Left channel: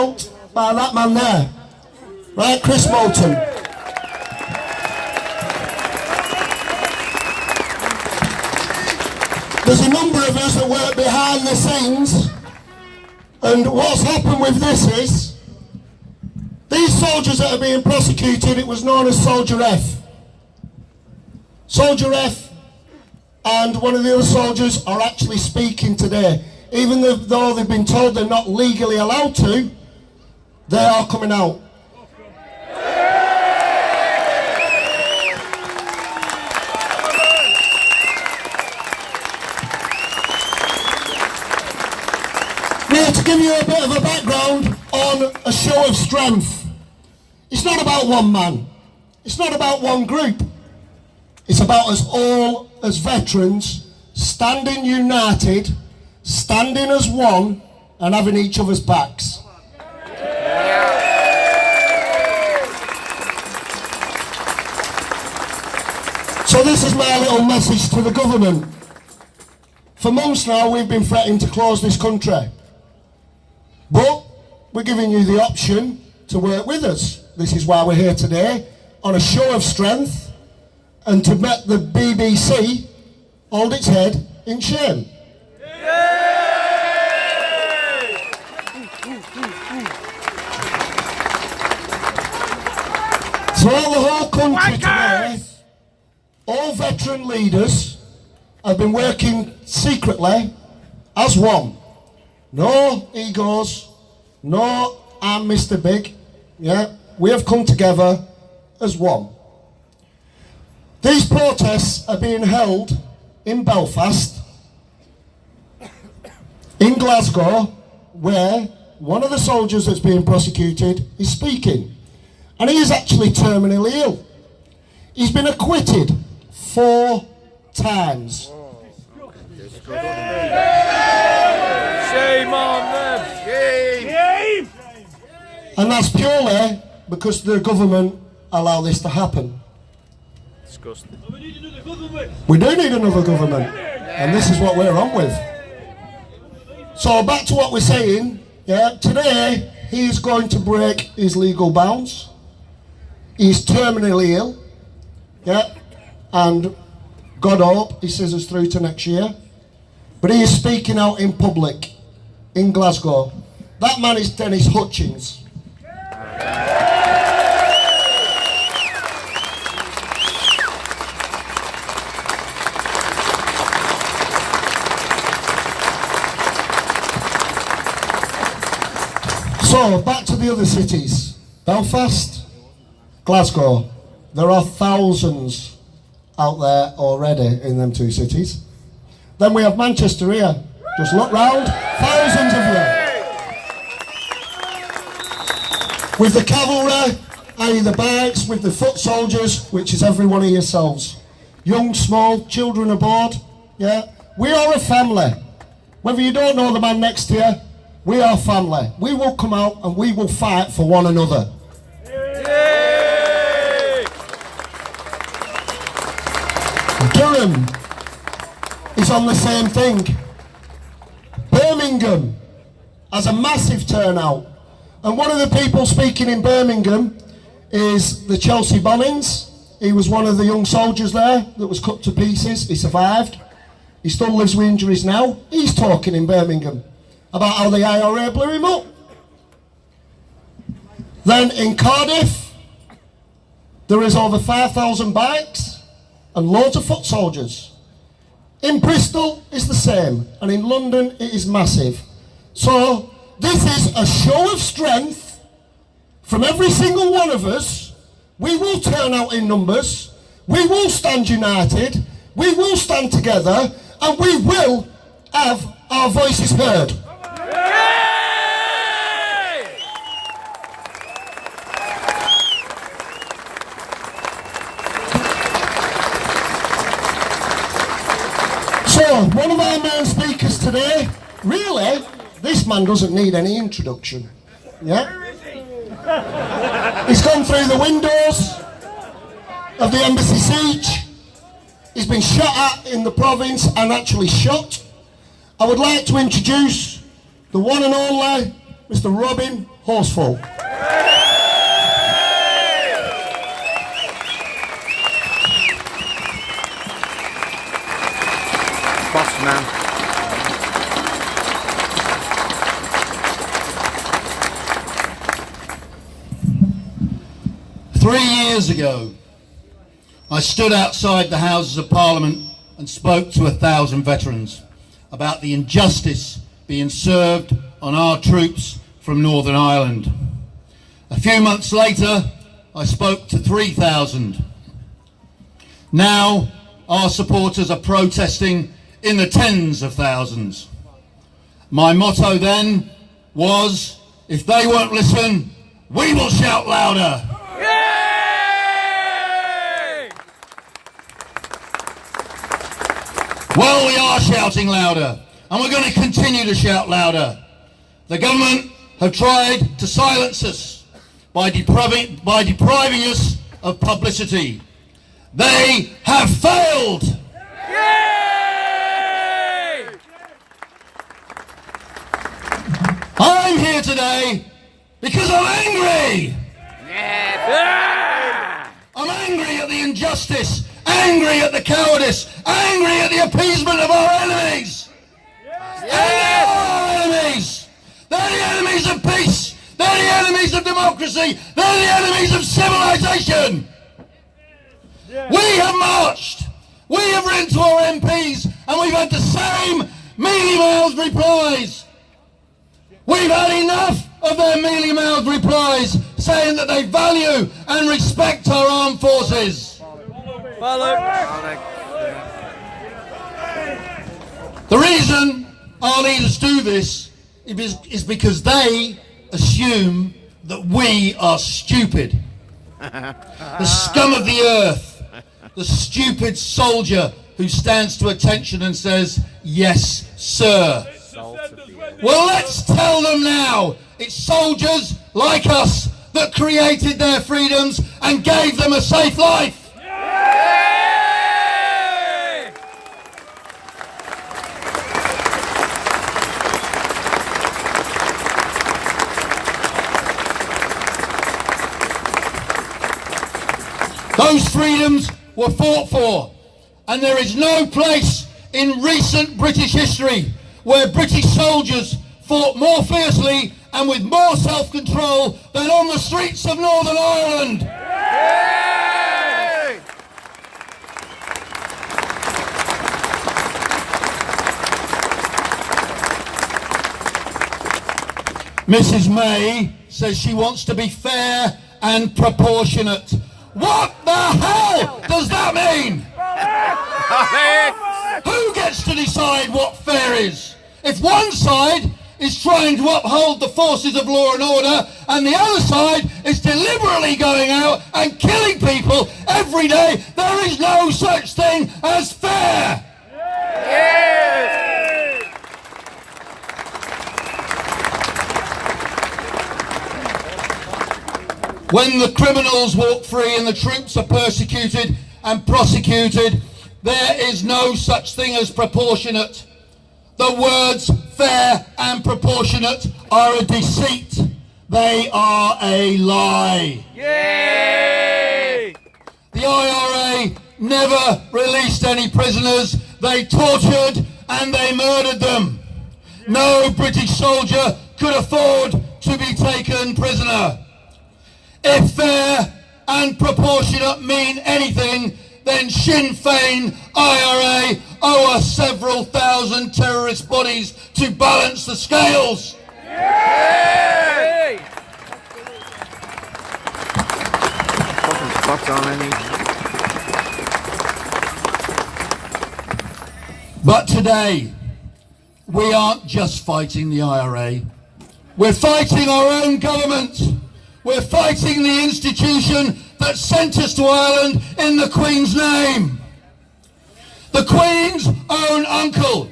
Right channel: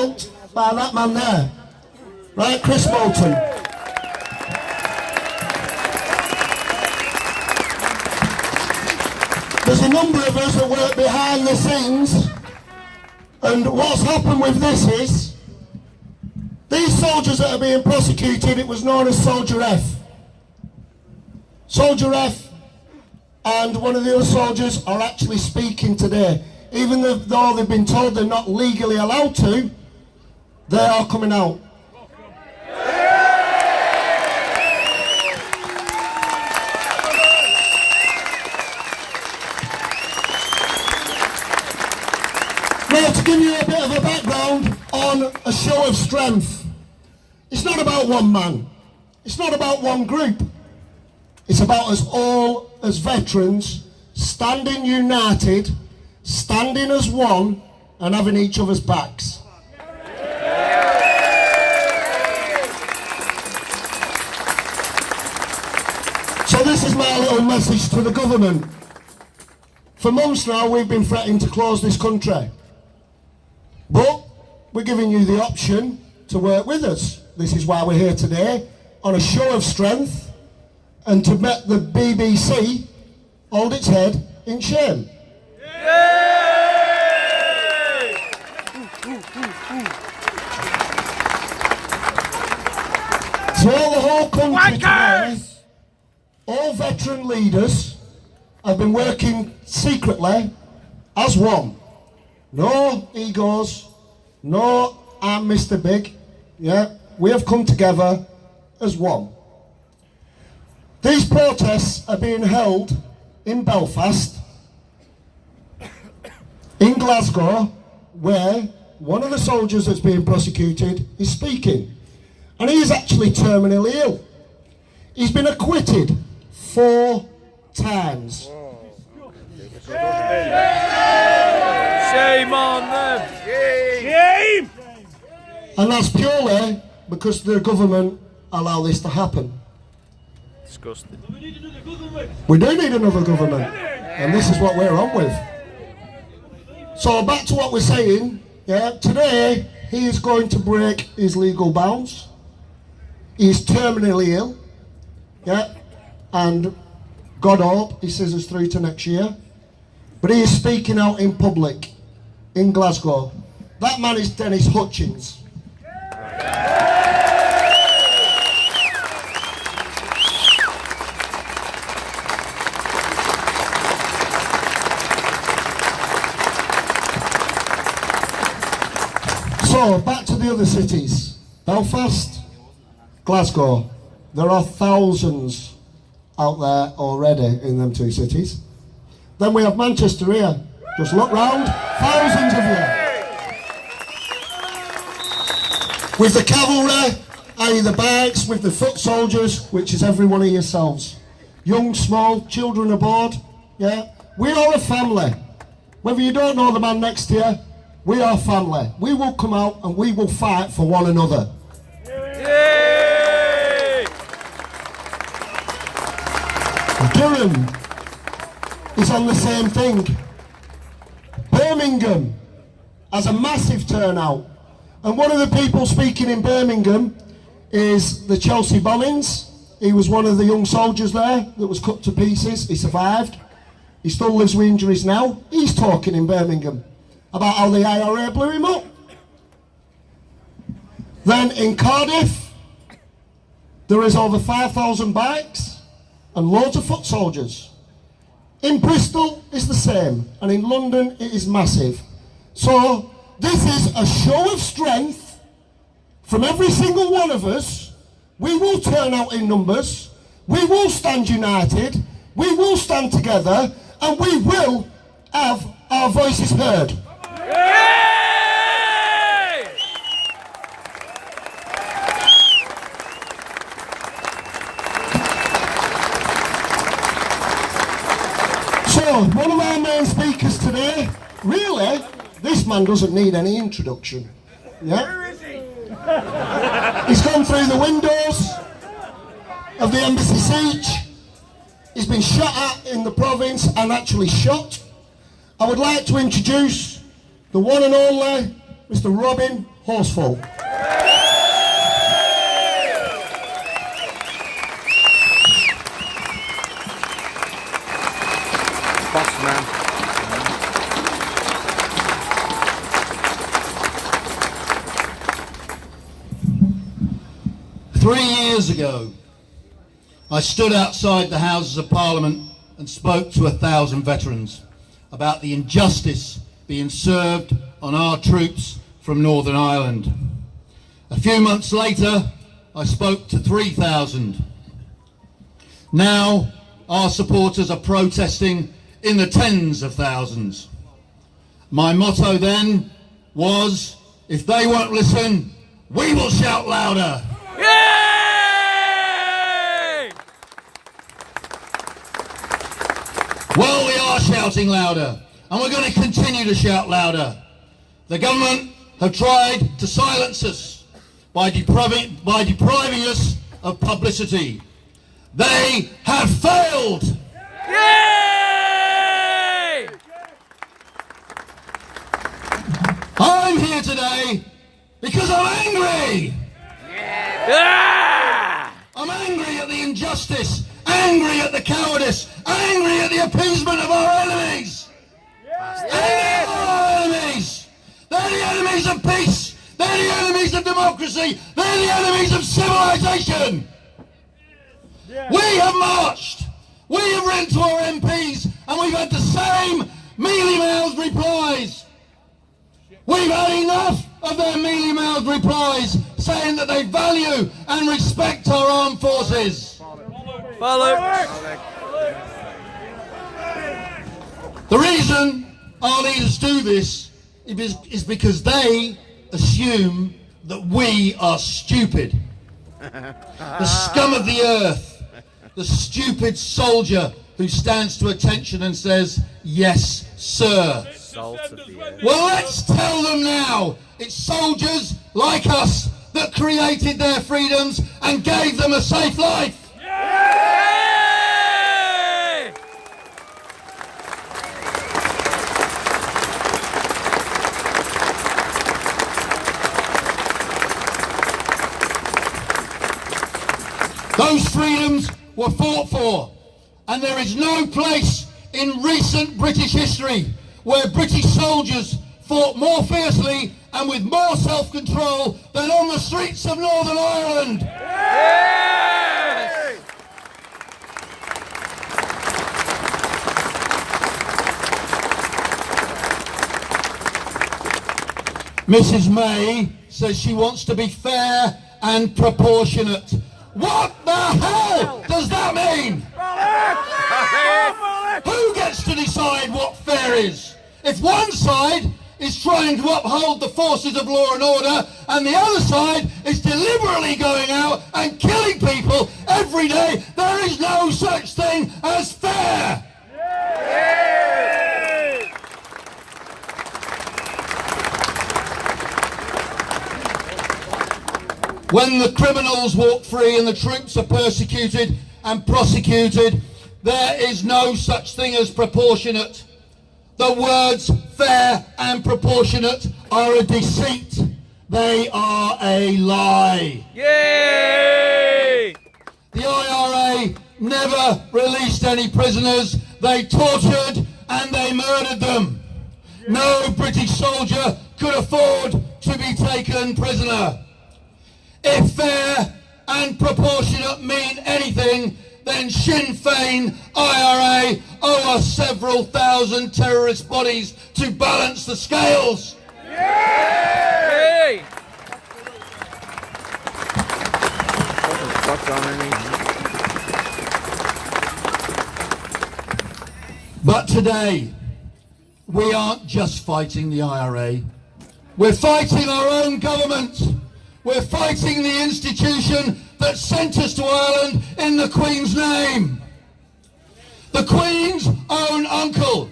By that man there, right, Chris Bolton. There's a number of us that work behind the scenes, and what's happened with this is these soldiers that are being prosecuted, it was known as Soldier F. Soldier F and one of the other soldiers are actually speaking today, even though they've been told they're not legally allowed to. They are coming out. Now, to give you a bit of a background on a show of strength, it's not about one man, it's not about one group, it's about us all as veterans standing united, standing as one and having each other's backs. So this is my little message to the government. For months now we've been threatening to close this country. But we're giving you the option to work with us. This is why we're here today, on a show of strength, and to make the BBC hold its head in shame. So the whole country today, all veteran leaders have been working secretly as one. No egos, no I'm Mr. Big. Yeah, we have come together as one. These protests are being held in Belfast, in Glasgow, where one of the soldiers that's being prosecuted is speaking. And he is actually terminally ill. He's been acquitted 4 times. Shame on them! Shame! And that's purely because the government allow this to happen. Disgusting. We do need another government, and this is what we're on with. So back to what we're saying, yeah, today he is going to break his legal bounds. He's terminally ill, yeah, and God hope he sees us through to next year. But he is speaking out in public in Glasgow. That man is Dennis Hutchins. So back to the other cities. Belfast, Glasgow. There are thousands out there already in them 2 cities. Then we have Manchester here. Just look round, thousands of you. With the cavalry, i.e. the bikes, with the foot soldiers, which is every one of yourselves. Young, small, children aboard, yeah. We are a family. Whether you don't know the man next to you, we are family. We will come out and we will fight for one another. Durham is on the same thing. Birmingham has a massive turnout. And one of the people speaking in Birmingham is the Chelsea Bollins. He was one of the young soldiers there that was cut to pieces. He survived. He still lives with injuries now. He's talking in Birmingham about how the IRA blew him up. Then in Cardiff, there is over 5,000 bikes and loads of foot soldiers. In Bristol, it's the same, and in London, it is massive. So this is a show of strength from every single one of us. We will turn out in numbers, we will stand united, we will stand together, and we will have our voices heard. So, one of our main speakers today, really, this man doesn't need any introduction. Yeah? He's gone through the windows of the embassy siege. He's been shot at in the province and actually shot. I would like to introduce the one and only Mr. Robin horseful. Boss man. 3 years ago, I stood outside the Houses of Parliament and spoke to 1,000 veterans about the injustice being served on our troops from Northern Ireland. A few months later, I spoke to 3,000. Now, our supporters are protesting in the tens of thousands. My motto then was, if they won't listen, we will shout louder. Well, we are shouting louder, and we're going to continue to shout louder. The government have tried to silence us by depriving us of publicity. They have failed. Yay! I'm here today because I'm angry. I'm angry at the injustice, angry at the cowardice, angry at the appeasement of our enemies. And they're our enemies. They're the enemies of peace. They're the enemies of democracy. They're the enemies of civilization. We have marched. We have written to our MPs and we've had the same mealy-mouthed replies. We've had enough of their mealy-mouthed replies saying that they value and respect our armed forces. Follow. The reason our leaders do this is because they assume that we are stupid. The scum of the earth, the stupid soldier who stands to attention and says, yes, sir. Well, let's tell them now. It's soldiers like us that created their freedoms and gave them a safe life. Those freedoms were fought for, and there is no place in recent British history where British soldiers fought more fiercely and with more self-control than on the streets of Northern Ireland. Yay! Mrs. May says she wants to be fair and proportionate. What the hell does that mean? Who gets to decide what fair is? If one side is trying to uphold the forces of law and order and the other side is deliberately going out and killing people every day, there is no such thing as fair. When the criminals walk free and the troops are persecuted and prosecuted, there is no such thing as proportionate. The words fair and proportionate are a deceit. They are a lie. Yay! The IRA never released any prisoners. They tortured and they murdered them. No British soldier could afford to be taken prisoner. If fair and proportionate mean anything, then Sinn Féin, IRA owe us several thousand terrorist bodies to balance the scales. Yay! But today, we aren't just fighting the IRA. We're fighting our own government. We're fighting the institution that sent us to Ireland in the Queen's name. The Queen's own uncle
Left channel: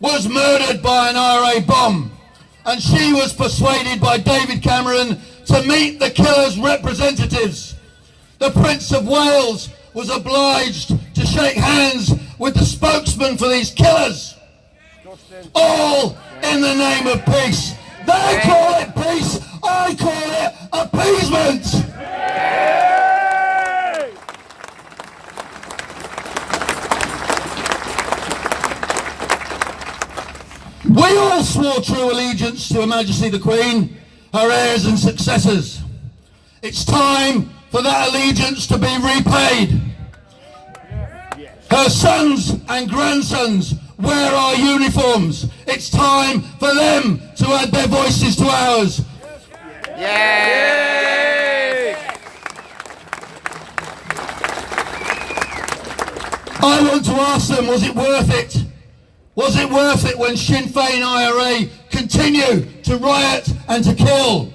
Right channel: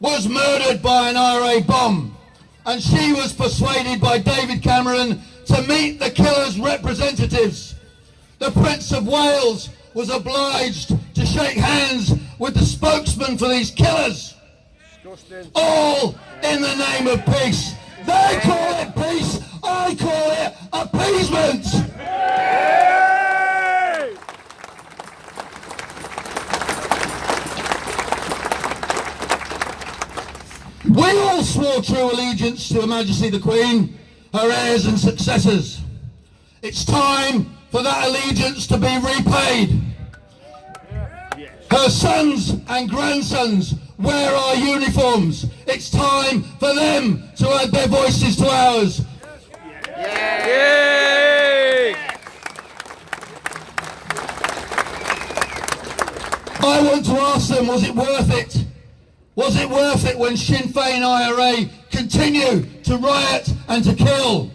was murdered by an IRA bomb, and she was persuaded by David Cameron to meet the killer's representatives. The Prince of Wales was obliged to shake hands with the spokesman for these killers. All in the name of peace. They call it peace, I call it appeasement. We all swore true allegiance to Her Majesty the Queen, her heirs and successors. It's time for that allegiance to be repaid. Her sons and grandsons wear our uniforms. It's time for them to add their voices to ours. I want to ask them, was it worth it? Was it worth it when Sinn Féin IRA continue to riot and to kill?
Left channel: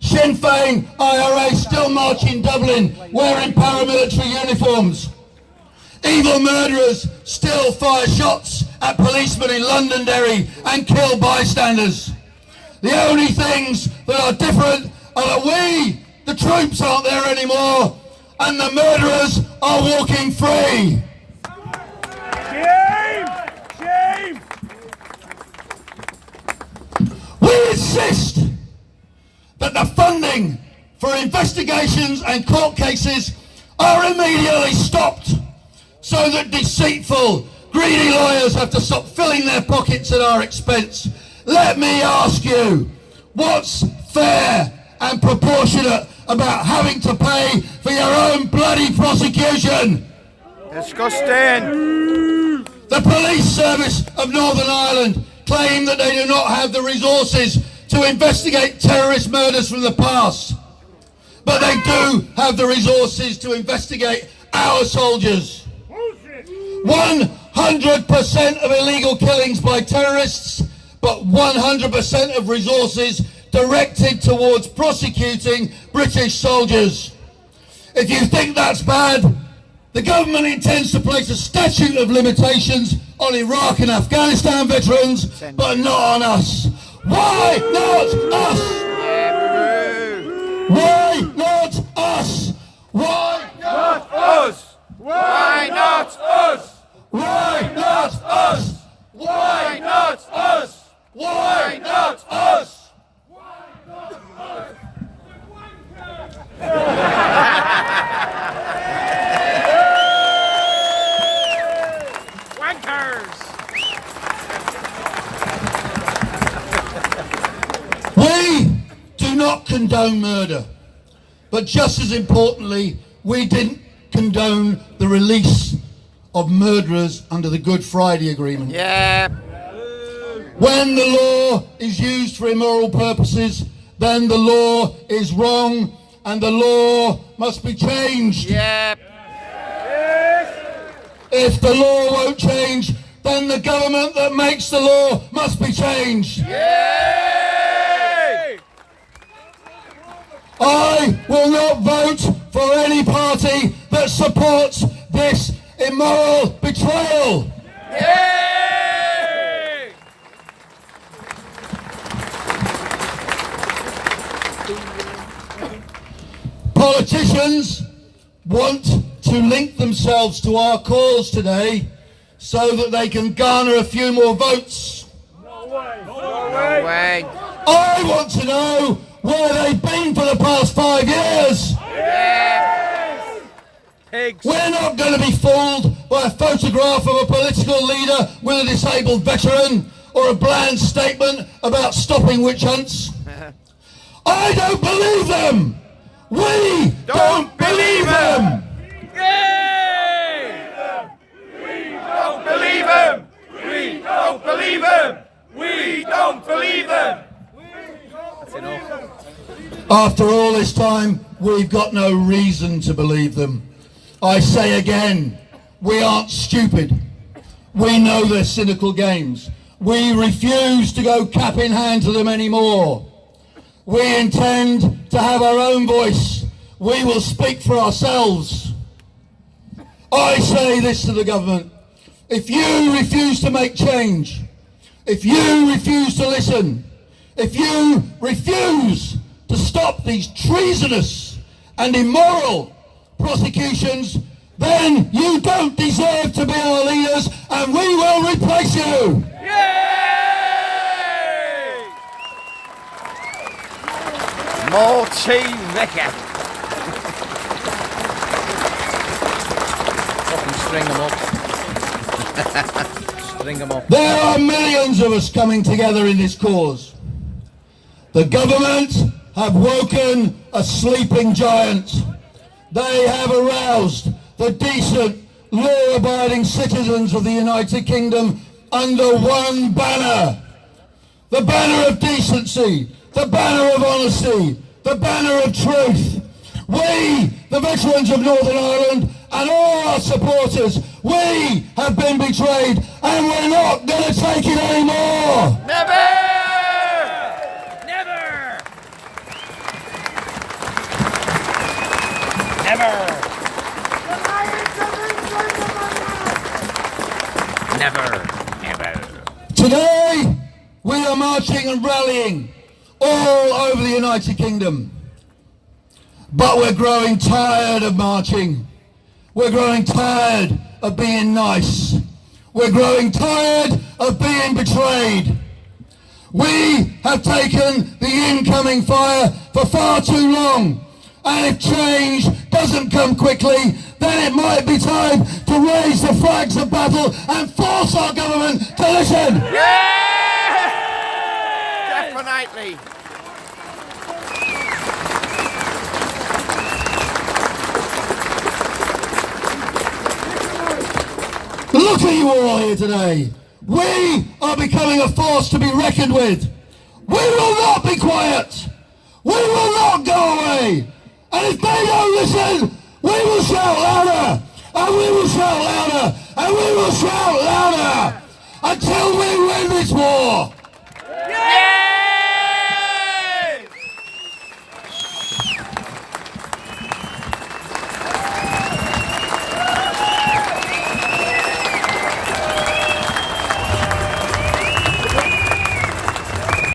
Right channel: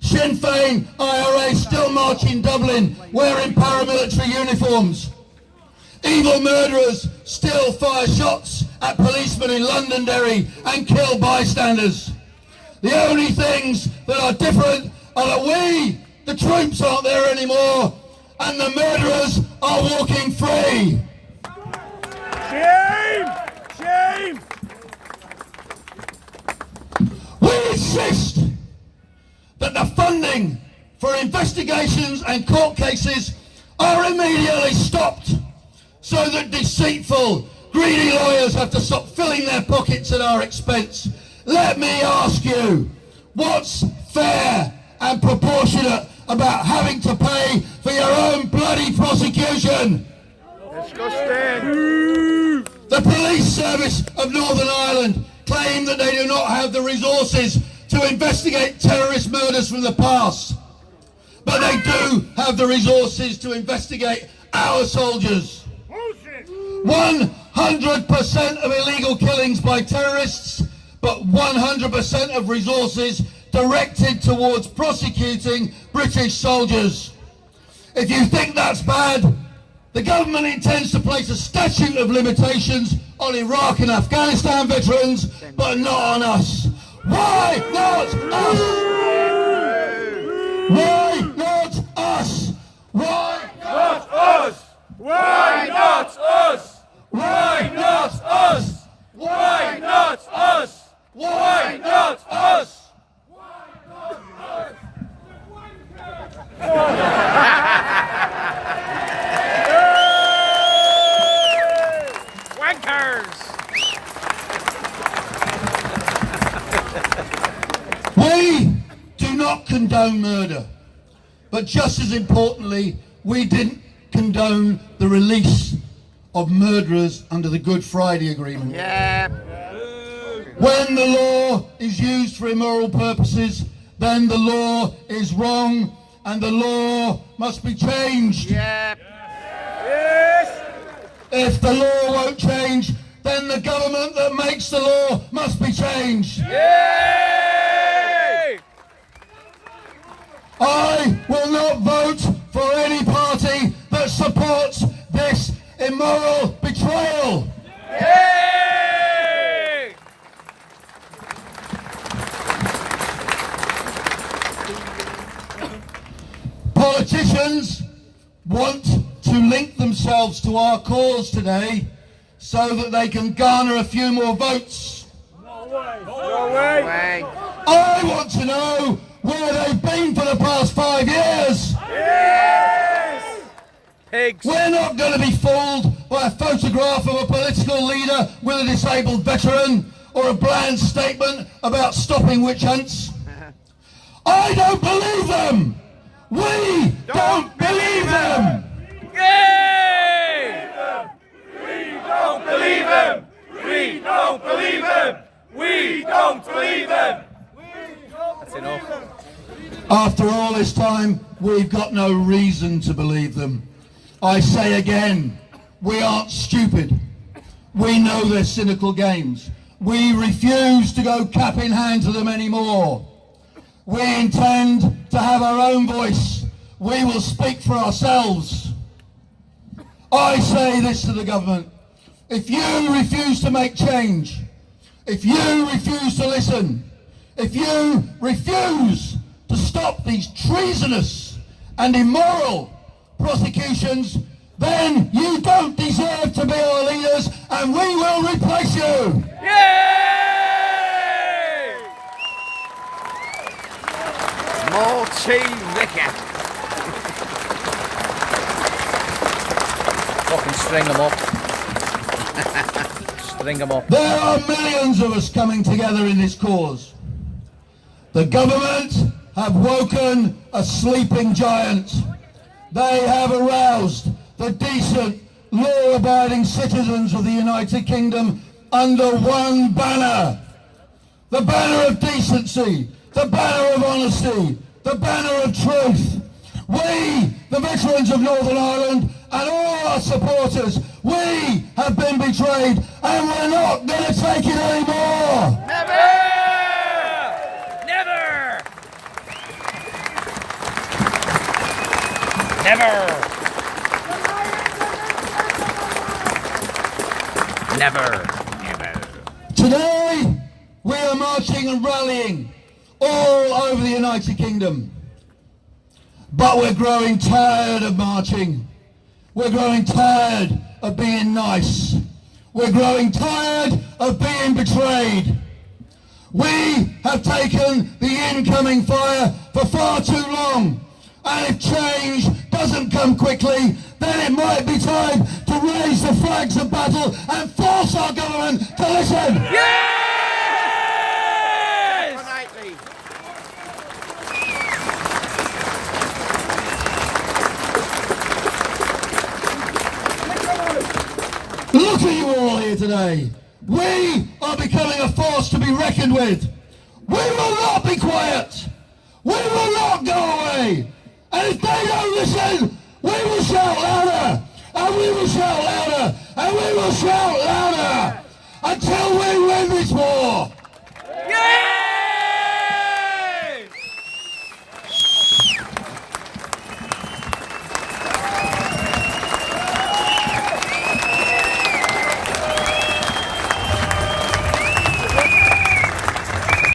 Sinn Féin IRA still march in Dublin wearing paramilitary uniforms. Evil murderers still fire shots at policemen in Londonderry and kill bystanders. The only things that are different are that we, the troops, aren't there anymore and the murderers are walking free. Shame! Shame! We insist that the funding for investigations and court cases are immediately stopped so that deceitful, greedy lawyers have to stop filling their pockets at our expense. Let me ask you, what's fair and proportionate about having to pay for your own bloody prosecution? Disgusting! The police service of Northern Ireland claim that they do not have the resources to investigate terrorist murders from the past. But they do have the resources to investigate our soldiers. 100% of illegal killings by terrorists, but 100% of resources directed towards prosecuting British soldiers. If you think that's bad, the government intends to place a statute of limitations on Iraq and Afghanistan veterans, but not on us. Why not us? Why not us? Why not us? Why not us? Why not us? Why not us? Why not us? Wankers! We do not condone murder, but just as importantly, we didn't condone the release of murderers under the Good Friday Agreement. Yeah. When the law is used for immoral purposes, then the law is wrong and the law must be changed. Yeah. If the law won't change, then the government that makes the law must be changed. Yay! I will not vote for any party that supports this immoral betrayal. Yay! Politicians want to link themselves to our cause today so that they can garner a few more votes. No way! I want to know where they've been for the past 5 years. Yes! Pigs! We're not going to be fooled by a photograph of a political leader with a disabled veteran or a bland statement about stopping witch hunts. I don't believe them. We don't believe them. Yay! We don't believe him! We don't believe him! We don't believe him! That's enough. After all this time, we've got no reason to believe them. I say again, we aren't stupid. We know their cynical games. We refuse to go cap in hand to them anymore. We intend to have our own voice. We will speak for ourselves. I say this to the government. If you refuse to make change, if you refuse to listen, if you refuse to stop these treasonous and immoral prosecutions, then you don't deserve to be our leaders and we will replace you. Yay! Morty Vicker. Fucking string them up. String them up. There are millions of us coming together in this cause. The government have woken a sleeping giant. They have aroused the decent, law-abiding citizens of the United Kingdom under one banner. The banner of decency, the banner of honesty, the banner of truth. We, the veterans of Northern Ireland, and all our supporters, we have been betrayed, and we're not going to take it anymore. Never! Never! Never! Never! Today, we are marching and rallying all over the United Kingdom. But we're growing tired of marching. We're growing tired of being nice. We're growing tired of being betrayed. We have taken the incoming fire for far too long. And if change doesn't come quickly, then it might be time to raise the flags of battle and force our government to listen. Definitely. Look at you all here today. We are becoming a force to be reckoned with. We will not be quiet. We will not go away. And if they don't listen, we will shout louder. And we will shout louder. And we will shout louder until we win this war.